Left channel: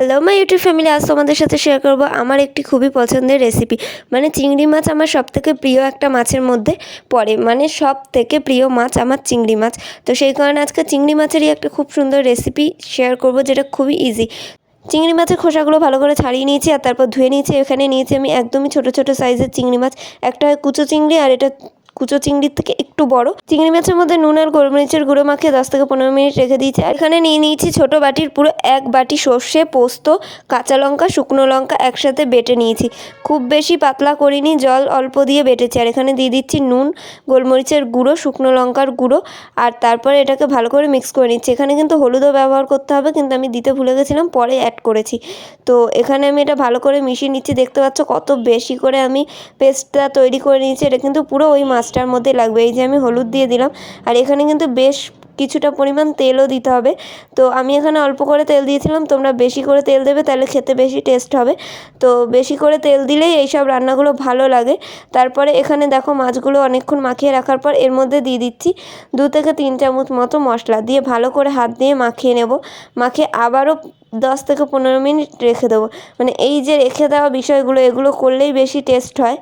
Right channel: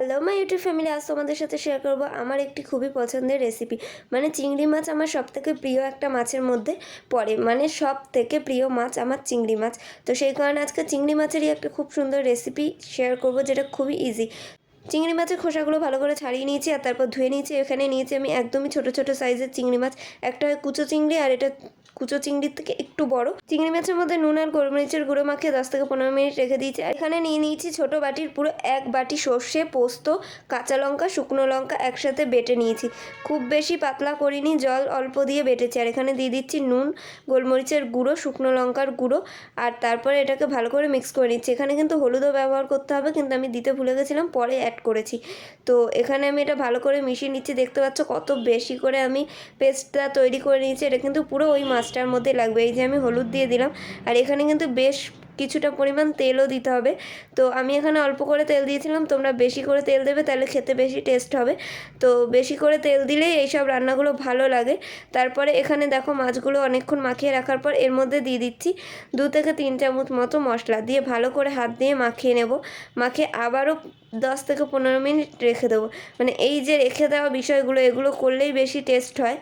Hello my YouTube family আজ তোমাদের সাথে শেয়ার করব আমার একটি খুবই পছন্দের রেসিপি মানে চিংড়ি মাছ আমার সব থেকে প্রিয় একটা মাছের মধ্যে পড়ে। মানে সব থেকে প্রিয় মাছ আমার চিংড়ি মাছ। তো সেই কারণে আজকে চিংড়ি মাছেরই একটা খুব সুন্দর রেসিপি শেয়ার করব যেটা খুবই ইজি চিংড়ি মাছের খোসাগুলো ভালো করে ছাড়িয়ে নিয়েছি আর তারপর ধুয়ে নিয়েছি। এখানে নিয়েছি আমি একদমই ছোট ছোট সাইজের চিংড়ি মাছ। একটা কুচো চিংড়ি আর এটা কুচো চিংড়ির থেকে একটু বড়। চিংড়ি মাছের মধ্যে নুন আর গোলমরিচের গুঁড়ো মাখিয়ে দশ থেকে পনেরো মিনিট রেখে দিয়েছি। আর এখানে নিয়ে নিয়েছি ছোট বাটির পুরো এক বাটি সর্ষে, পোস্ত, কাঁচা লঙ্কা, শুকনো লঙ্কা একসাথে বেটে নিয়েছি। খুব বেশি পাতলা করিনি, জল অল্প দিয়ে বেটেছি। আর এখানে দিয়ে দিচ্ছি নুন, গোলমরিচের গুঁড়ো, শুকনো লঙ্কার গুঁড়ো আর তারপরে এটাকে ভালো করে মিক্স করে নিচ্ছি। এখানে কিন্তু হলুদও ব্যবহার করতে হবে, কিন্তু আমি দিতে ভুলে গেছিলাম, পরে অ্যাড করেছি। তো এখানে আমি এটা ভালো করে মিশিয়ে নিচ্ছি, দেখতে পাচ্ছ কত বেশি করে আমি পেস্টটা তৈরি করে নিয়েছি। এটা কিন্তু পুরো ওই মাছটার মধ্যে লাগবে। এই যে আমি হলুদ দিয়ে দিলাম। আর এখানে কিন্তু বেশ কিছুটা পরিমাণ তেলও দিতে হবে। তো আমি এখানে অল্প করে তেল দিয়েছিলাম। তোমরা বেশি করে তেল দেবে, তাহলে খেতে বেশি টেস্ট হবে। তো বেশি করে তেল দিলেই এইসব রান্নাগুলো ভালো লাগে। তারপরে এখানে দেখো মাছগুলো অনেকক্ষণ মাখিয়ে রাখার পর এর মধ্যে দিয়ে দিচ্ছি দু থেকে তিন চামচ মতো মশলা। দিয়ে ভালো করে হাত দিয়ে মাখিয়ে নেব। মাখিয়ে আবারও দশ থেকে পনেরো মিনিট রেখে দেবো। মানে এই যে রেখে দেওয়া বিষয়গুলো, এগুলো করলেই বেশি টেস্ট হয়।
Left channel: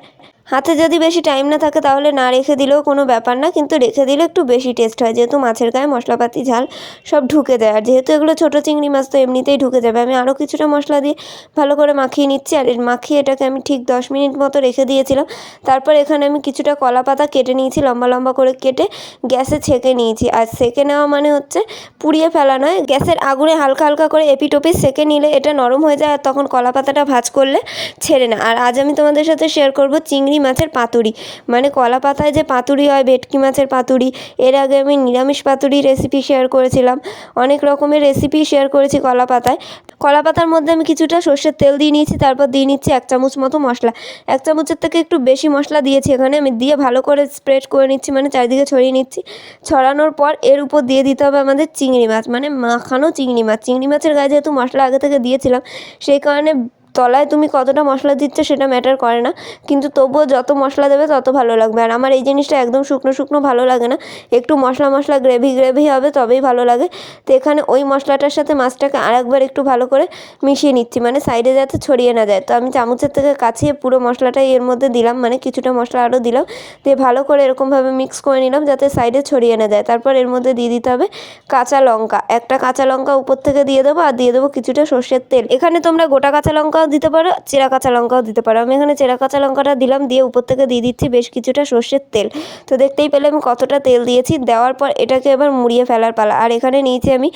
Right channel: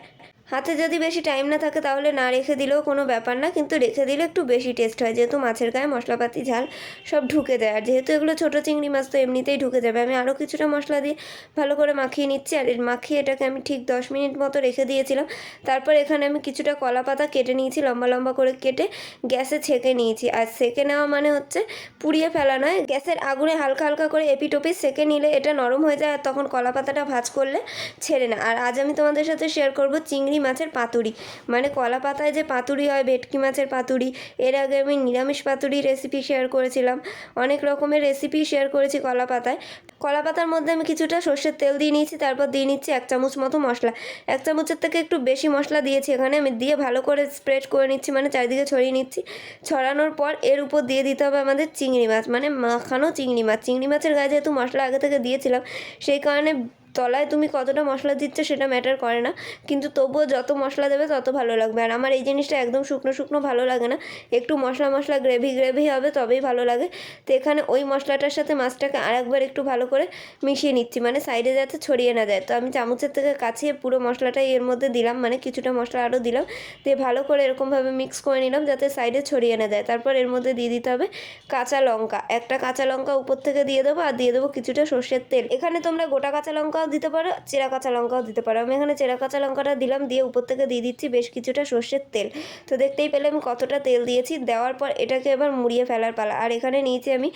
হাতে যদি বেশি টাইম না থাকে তাহলে না রেখে দিলেও কোনো ব্যাপার না, কিন্তু রেখে দিলে একটু বেশি টেস্ট হয়। যেহেতু মাছের গায়ে মশলাপাতি, ঝাল সব ঢুকে দেয়। আর যেহেতু এগুলো ছোটো চিংড়ি মাছ, তো এমনিতেই ঢুকে যাবে। আমি আরও কিছুটা মশলা দিয়ে ভালো করে মাখিয়ে নিচ্ছি। আর এর মাখিয়ে এটাকে আমি ঠিক দশ মিনিট মতো রেখে দিয়েছিলাম। তারপর এখানে আমি কিছুটা কলা পাতা কেটে নিয়েছি, লম্বা লম্বা করে কেটে গ্যাসে ছেঁকে নিয়েছি। আর সেঁকে নেওয়া মানে হচ্ছে পুড়িয়ে ফেলা নয়, গ্যাসের আগুনে হালকা হালকা করে এপিটোপি সেঁকে নিলে এটা নরম হয়ে যায় আর তখন কলা পাতাটা ভাজ করলে ছেড়ে না। আর আজ আমি তোমাদের সাথে শেয়ার করব চিংড়ি চিংড়ি মাছের পাতুরি। মানে কলা পাতায় যে পাতুরি হয়, ভেটকি মাছের পাতুরি, এর আগে আমি নিরামিষ পাতুরি রেসিপি শেয়ার করেছিলাম। অনেক রকমের রেসিপি শেয়ার করেছি কলা পাতায়। কলা পাতার মধ্যে আমি কিছুটা সর্ষের তেল দিয়ে নিয়েছি, তারপর দিয়ে নিচ্ছি এক চামচ মতো মশলা। এক চামচের থেকে একটু বেশি মশলা দিয়েছি এখানে, আমি দিয়ে ভালো করে স্প্রেড করে নিচ্ছি মানে চারিদিকে ছড়িয়ে নিচ্ছি। ছড়ানোর পর এর উপর দিয়ে দিতে হবে আমাদের চিংড়ি মাছ মানে মাখানো চিংড়ি মাছ। চিংড়ি মাছের গায়ে যেহেতু মশলা আগে থেকে দিয়েছিলাম, সেই কারণে তলায় তুমি কতটা মশলা দিচ্ছ সেটা ম্যাটার করে না। কিন্তু তবুও যত মশলা দেবে তত ভালো লাগবে। আর আমার এই জিনিসটা একদম শুকনো শুকনো ভালো লাগে না। একটু মশলা মশলা গ্রেভি গ্রেভি হবে তবেই ভালো লাগে। তো এখানে ওই মশলাটার সাথে মাছটাকে আরেকবার একটু ভালো করে মিশিয়ে নিচ্ছি। মানে সাইডে যাতে ছড়িয়ে না যায়। তো আমি চামচের থেকে কাছিয়ে পুরো মশলাটাই এর মধ্যে দিলাম। মানে কিছুটা মশলা আরও দিলাম। দিয়ে ভালো করে এরকমভাবে মিক্স করে নিলাম যাতে সাইডে ছড়িয়ে না যায়। তারপর এর মধ্যে দিয়ে দিতে হবে কাঁচা লঙ্কা। একটা কাঁচা লঙ্কা উপর থেকে দিয়ে দেবো। আর দিয়ে দেবো কিছুটা সর্ষের তেল। এখানে তোমরা গোটা কাঁচা লঙ্কাও দিতে পারো, চেরা কাঁচা লঙ্কাও দিতে পারো। আমি এখানে চেরা কাঁচা লঙ্কাটা দিলাম, দিয়ে উপর থেকে দিয়ে দিচ্ছি বেশ কিছুটা সর্ষের তেল। তো দেখতেই পেলে আমি কতটা তেল দিয়েছি। দেওয়ার পর এটাকে এবার মুড়িয়ে ফেলার পালা। আর এখানে নিয়েছি আমি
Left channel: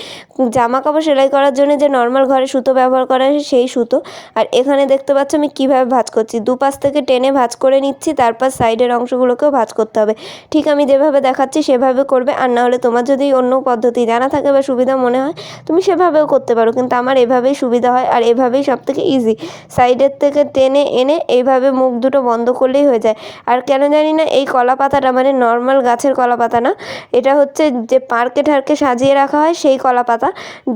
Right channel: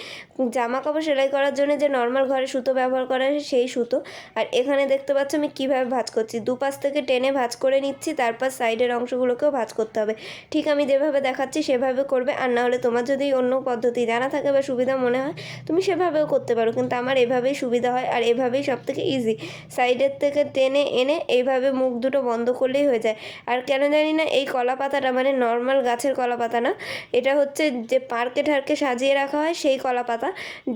জামা কাপড় সেলাই করার জন্য যে নর্মাল ঘরে সুতো ব্যবহার করা হয় সেই সুতো। আর এখানে দেখতে পাচ্ছ আমি কীভাবে ভাজ করছি। দুপাশ থেকে টেনে ভাজ করে নিচ্ছি, তারপর সাইডের অংশগুলোকেও ভাজ করতে হবে। ঠিক আমি যেভাবে দেখাচ্ছি সেভাবে করবে। আর না হলে তোমার যদি অন্য পদ্ধতি জানা থাকে বা সুবিধা মনে হয়, তুমি সেভাবেও করতে পারো। কিন্তু আমার এভাবেই সুবিধা হয়, আর এভাবেই সব থেকে ইজি সাইডের থেকে টেনে এনে এইভাবে মুখ দুটো বন্ধ করলেই হয়ে যায়। আর কেন জানি না এই কলা পাতাটা মানে নর্মাল গাছের কলা পাতা না, এটা হচ্ছে যে পার্কে ঠার্কে সাজিয়ে রাখা হয় সেই কলা পাতা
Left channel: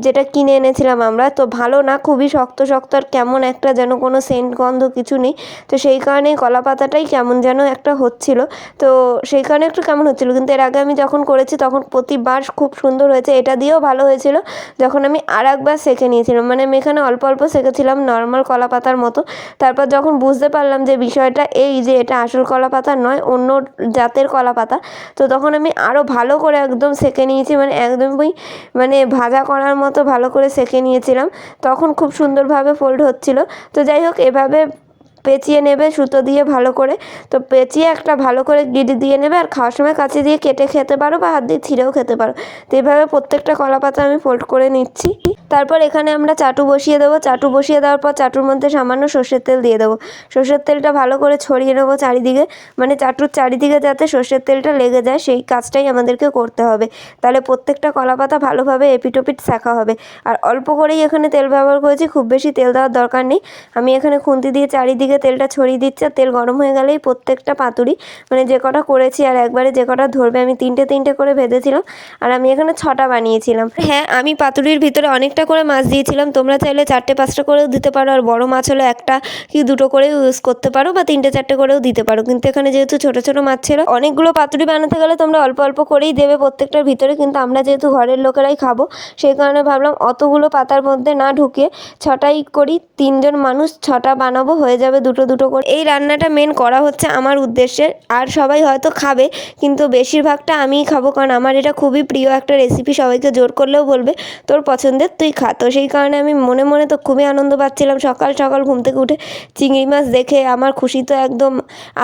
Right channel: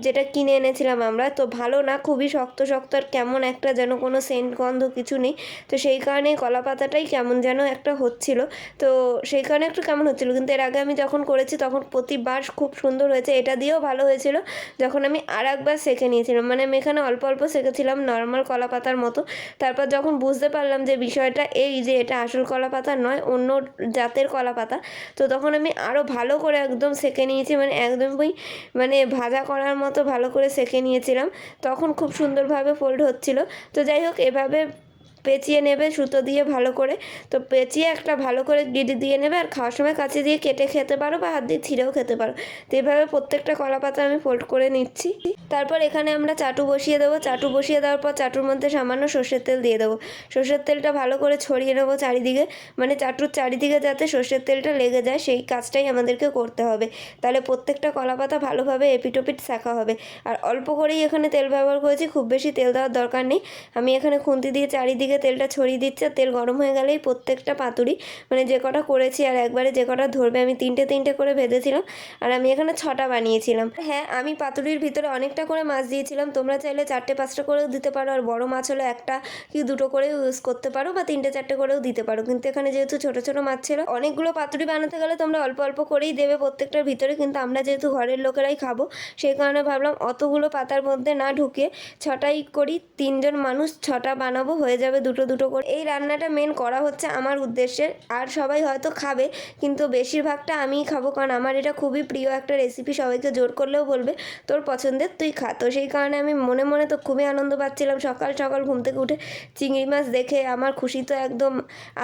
যেটা কিনে এনেছিলাম আমরা। তো ভালো না, খুবই শক্ত শক্ত আর কেমন একটা যেন কোনো সেন্ট গন্ধ কিছু নেই। তো সেই কারণেই কলা পাতাটাই কেমন যেন একটা হচ্ছিল। তো সেই কারণে একটু কেমন হচ্ছিল, কিন্তু এর আগে আমি যখন করেছি তখন প্রতিবার খুব সুন্দর হয়েছে। এটা দিয়েও ভালো হয়েছিল যখন আমি আর একবার সেঁকে নিয়েছিলাম। মানে আমি এখানে অল্প অল্প সেঁকেছিলাম নর্মাল কলা পাতার মতো। তারপর যখন বুঝতে পারলাম যে বিষয়টা এই যে এটা আসল কলা পাতা নয়, অন্য জাতের কলা পাতা তো তখন আমি আরও ভালো করে একদম সেঁকে নিয়েছি মানে একদমই মানে ভাজা করার মতো ভালো করে সেঁকে নিয়েছিলাম। তখন খুব সুন্দরভাবে ফোল্ড হচ্ছিল। তো যাই হোক, এভাবে পেঁচিয়ে নেবে, সুতো দিয়ে ভালো করে। তো পেঁচিয়ে একটা ভালো করে গিট দিয়ে নেবে আর খাওয়ার সময় কাছে দিয়ে কেটে খেতে পারো বা হাত দিয়ে ছিঁড়েও খেতে পারো। তো এভাবে প্রত্যেকটা কলা পাতা আমি ফোল্ড করে নিচ্ছি। তারপর এখানে আমরা চাটু বসিয়ে দেবো। চাটু বসিয়ে দেওয়ার পর চাটুর মধ্যে সামান্য সর্ষের তেল দিয়ে দেবো। সর্ষের তেলটা ভালো করে ছড়িয়ে নেব চারিদিকে। মানে চাটুর চারিদিকে যাতে সর্ষের তেলটা লেগে যায়, সেই কাজটাই আমাদেরকে করতে হবে। তাহলে প্রত্যেকটা কলা পাতা ভালোভাবে এপিটোপিট শেখা হবে। আর অল্প করেই এখানে তেল ব্যবহার করেছি, খুব বেশি তেল দেওয়ার দরকার নেই। আমি এখানে খুন্তি দিয়ে চারিদিকে দিয়ে তেলটা ছড়িয়ে দিচ্ছি আর তেল গরম হয়ে গেলেই প্রত্যেকটা পাতুরি মানে যে কটা করেছি আর একবারে যে কটা ধরবে, আমি তিনটে তিনটে করে ভেজেছিলাম আর আমি এখানে ছটা বানিয়েছিলাম। হ্যাঁ আমি পাতুরির ভিতরে অনেকটা করে মাছ দিয়েছিলাম, তোমরা চাইলে চারটে পাঁচটা করেও দিতে পারো আর বড় মাছ হলে একটা কি দুটো করেও ইউজ করতে পারো বা তিনটে চারটে করেও দিতে পারো। কিন্তু এখানে যেহেতু ছোটো ছোটো মাছ ছিল, অনেকগুলো পাতুরি বানাতে গেলে তোমরা অল্প অল্প করেই দেবে প্রত্যেকটার ভিতরে, কিন্তু আমরা যেহেতু ঘরের লোকেরাই খাব, সেই কারণে ভাবলাম অতগুলো পাতার মধ্যে না ঢুকে ছটাই করি, তিনজন মানুষ ছটা বানাবো, হয়ে যাবে দুটো দুটো করে। এই রান্নাটা মেন করা হচ্ছে আমার উদ্দেশ্যে। আর সবাই হয়তো খাবে, কিন্তু বেশিরভাগটা আমিই খাব, কারণ আমার এটা খুবই প্রিয় একটা রেসিপি সবাইকে জোর করলেও বলবে, তোর পছন্দের তুই খা। তো সেই কারণে আমি মনে মনে তো খুবই আনন্দ পাচ্ছিলাম, সকাল সকাল ঘুম থেকে উঠে চিংড়ি মাছ দেখে আমার খুশি তো একদম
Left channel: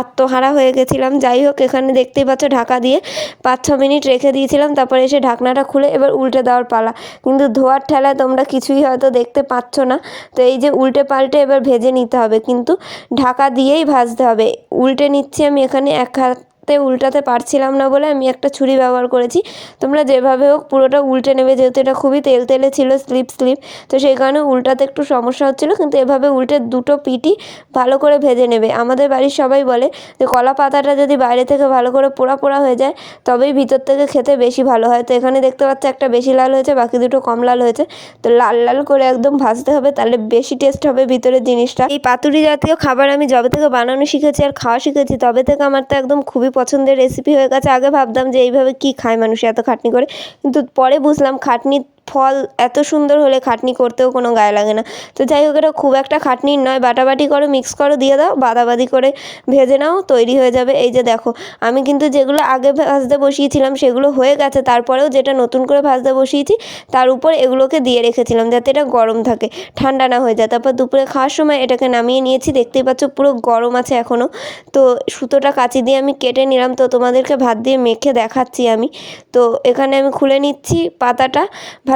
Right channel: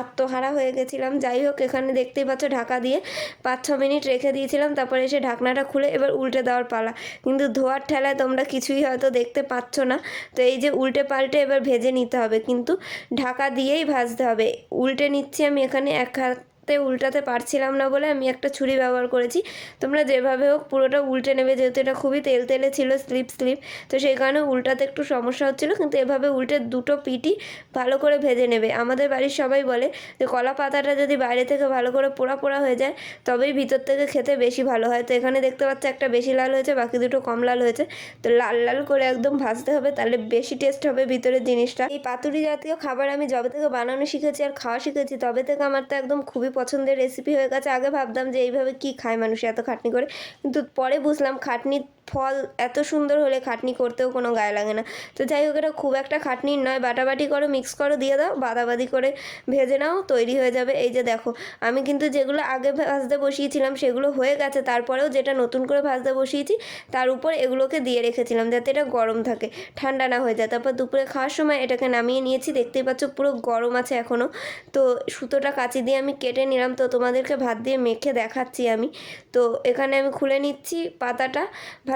আত্মহারা হয়ে গেছিলাম। যাই হোক, এখানে দেখতেই পাচ্ছ ঢাকা দিয়ে পাঁচ ছ মিনিট রেখে দিয়েছিলাম, তারপরে এসে ঢাকনাটা খুলে এবার উল্টে দেওয়ার পালা। কিন্তু ধোয়ার ঠেলায় তোমরা কিছুই হয়তো দেখতে পাচ্ছ না। তো এই যে উল্টে পাল্টে এবার ভেজে নিতে হবে। কিন্তু ঢাকা দিয়েই ভাজতে হবে। উল্টে নিচ্ছি আমি এখানে এক হাতে উল্টাতে পারছিলাম না বলে আমি একটা ছুরি ব্যবহার করেছি। তোমরা যেভাবে হোক পুরোটা উল্টে নেবে, যেহেতু এটা খুবই তেল তেলে ছিল, স্লিপ স্লিপ, তো সেই কারণে উল্টাতে একটু সমস্যা হচ্ছিল, কিন্তু এভাবে উল্টে দুটো পিঠই ভালো করে ভেজে নেবে। আমাদের বাড়ির সবাই বলে যে, কলা পাতাটা যদি বাইরে থেকে ভালো করে পোড়া পোড়া হয়ে যায়, তবেই ভিতর থেকে খেতে বেশি ভালো হয়। তো এখানে দেখতে পাচ্ছ একটা বেশি লাল হয়েছে, বাকি দুটো কম লাল হয়েছে। তো লাল লাল করে একদম ভাজতে হবে, তাহলে বেশি টেস্ট হবে ভিতরের জিনিসটা। এই পাতুরি জাতীয় খাবার আমি যবে থেকে বানানো শিখেছি আর খাওয়া শিখেছি, তবে থেকে আমার তো একদম খুবই পছন্দের রেসিপি হয়ে গেছে, আগে ভাবতাম যে এইভাবে কি খায় মানুষ এত খাটনি করে। কিন্তু পরে বুঝলাম খাটনি ফল এত সুন্দর হলে খাটনি করতেও কোনো গায়ে লাগে না। তো যাই হোক, এটা খুব একটা খাটনির নয়। বাটাবাটি করো মিক্স করো, দিয়ে দাও। বাদাবাদি করে ভেজে নাও, তৈরি হয়ে যাবে। এই যে দেখো, আমি কিন্তু যেগুলো আগে ভাজতে বসিয়েছিলাম সেগুলো হয়ে গেছে। তারপরেও যেটা নতুন করে ভাজতে বসিয়েছি, তার উপর এগুলোকে দিয়ে রেখেছিলাম যাতে এটা গরম থাকে, ঠান্ডা না হয়ে যায়। তারপর দুপুরে খাওয়ার সময় এটাকে নামিয়ে নিয়েছি। দেখতেই পাচ্ছ পুরো গরম আছে এখনও তো সুতোটা কাঁচি দিয়ে আমি কেটে নিলাম। তো তোমাদেরকে ভাত দিয়ে মেখে দেখাচ্ছি আমি। তো এখানে আমি খুলে নিচ্ছি পাতাটা।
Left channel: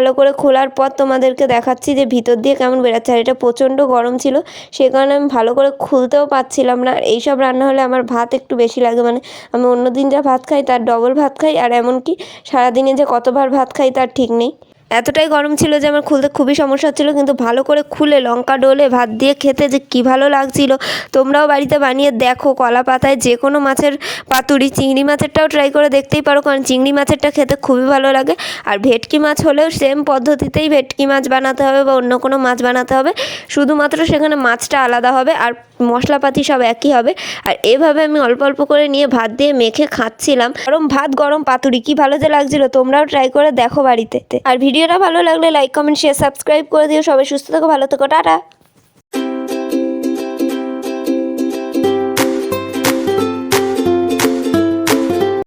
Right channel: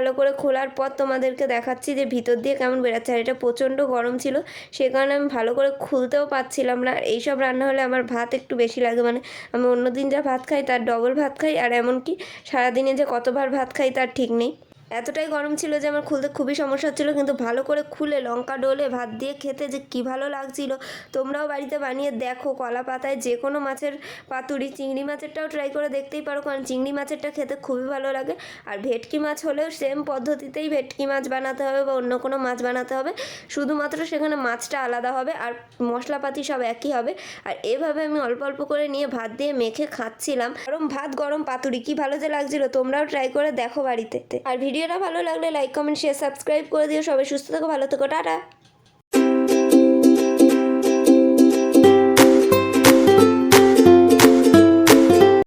ভালো করে খোলার পর তোমাদেরকে দেখাচ্ছি যে ভিতর দিয়ে কেমন বেরাচ্ছে। আর এটা প্রচণ্ড গরম ছিল, সে কারণে আমি ভালো করে খুলতেও পারছিলাম না। আর এইসব রান্না হলে আমার ভাত একটু বেশি লাগে। মানে আমি অন্য দিন যা ভাত খাই, তার ডবল ভাত খাই। আর এমনকি সারাদিনে যে কতবার ভাত খাই, তার ঠিক নেই। এতটাই গরম ছিল যে আমার খুলতে খুবই সমস্যা হচ্ছিল, কিন্তু ভালো করে খুলে লঙ্কা ডোলে ভাত দিয়ে খেতে যে কী ভালো লাগছিল। তোমরাও বাড়িতে বানিয়ে দেখো, কলা পাতায় যে কোনো মাছের পাতুরি, চিংড়ি মাছেরটাও ট্রাই করে দেখতেই পারো, কারণ চিংড়ি মাছেরটা খেতে খুবই ভালো লাগে। আর ভেটকি মাছ হলেও সেম পদ্ধতিতেই ভেটকি মাছ বানাতে হবে বা অন্য কোনো মাছ বানাতে হবে। শুধুমাত্র সেখানে মাছটা আলাদা হবে, আর মশলাপাতি সব একই হবে। আর এভাবে আমি অল্প অল্প করে নিয়ে ভাত দিয়ে মেখে খাচ্ছিলাম। গরম ভাত, গরম পাতুরি, কি ভালো যে লাগছিল, তোমরাও ট্রাই করে দেখো বাড়িতে। আর ভিডিওটা ভালো লাগলে লাইক কমেন্ট শেয়ার সাবস্ক্রাইব করে দিও। সবাই সুস্থ থেকো, ভালো থেকো, টাটা।